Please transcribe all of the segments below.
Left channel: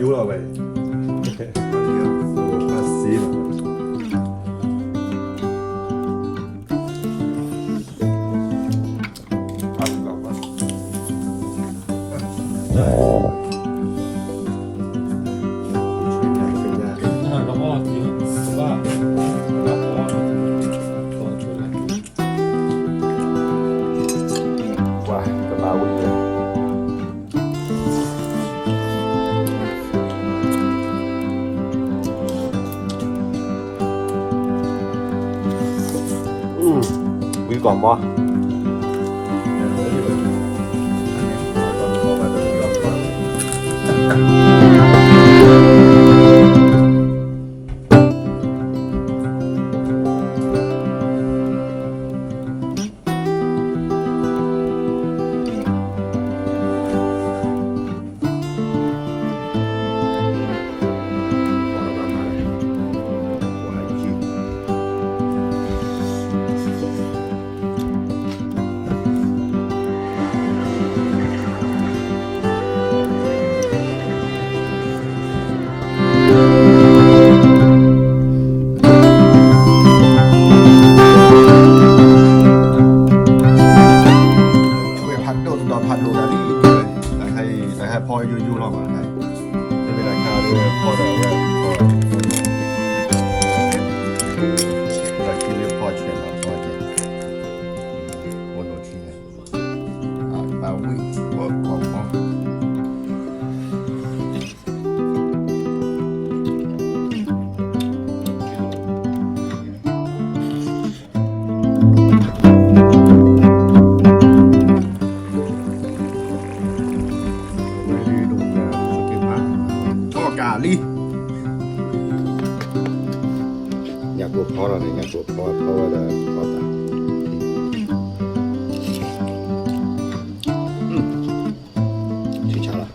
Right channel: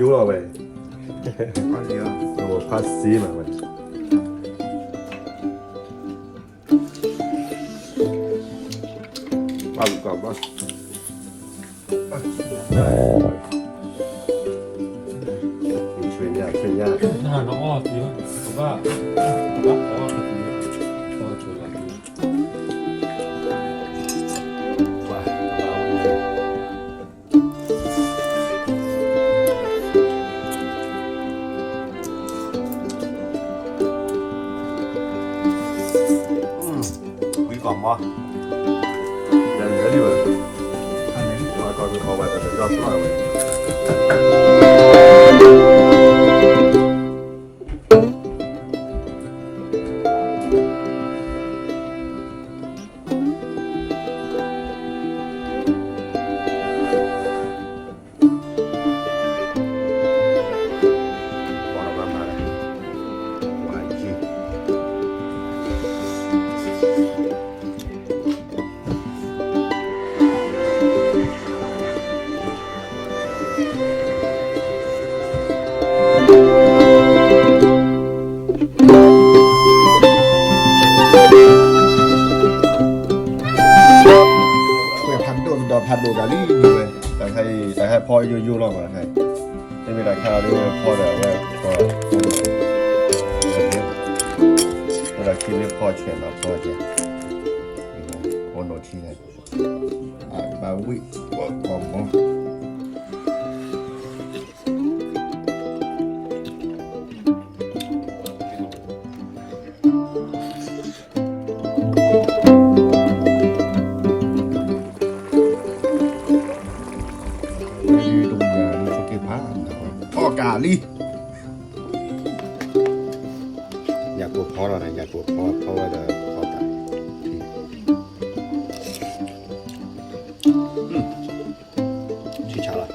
ยุ่ๆเอาไปโอ้ภาษีมาเอากลับมาช่วยยากช่วยยาก น้องอ้อเยอะว่าว้ายกระเป๋ามีกล่องบ่แล้วอยู่อันนี้ตอนนี้เข้าไปเป็นรอบๆให้พ่อยุ่ๆลองมาให้ไม่เป็นไรข้าวด้วยพ่อแต่ว่าพ่อเวลาคิดเรื่องพ่อเชื่อมาพ่อจะโอนโนที่ไงมาวิ่งบอกพ่อกาลีอยากตัวพ่อเราเนี่ยอยากตัวพ่อเพราะว่าจะพ่อตายชิชาละ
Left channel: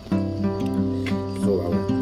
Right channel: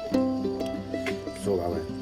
โซ่เอาไว้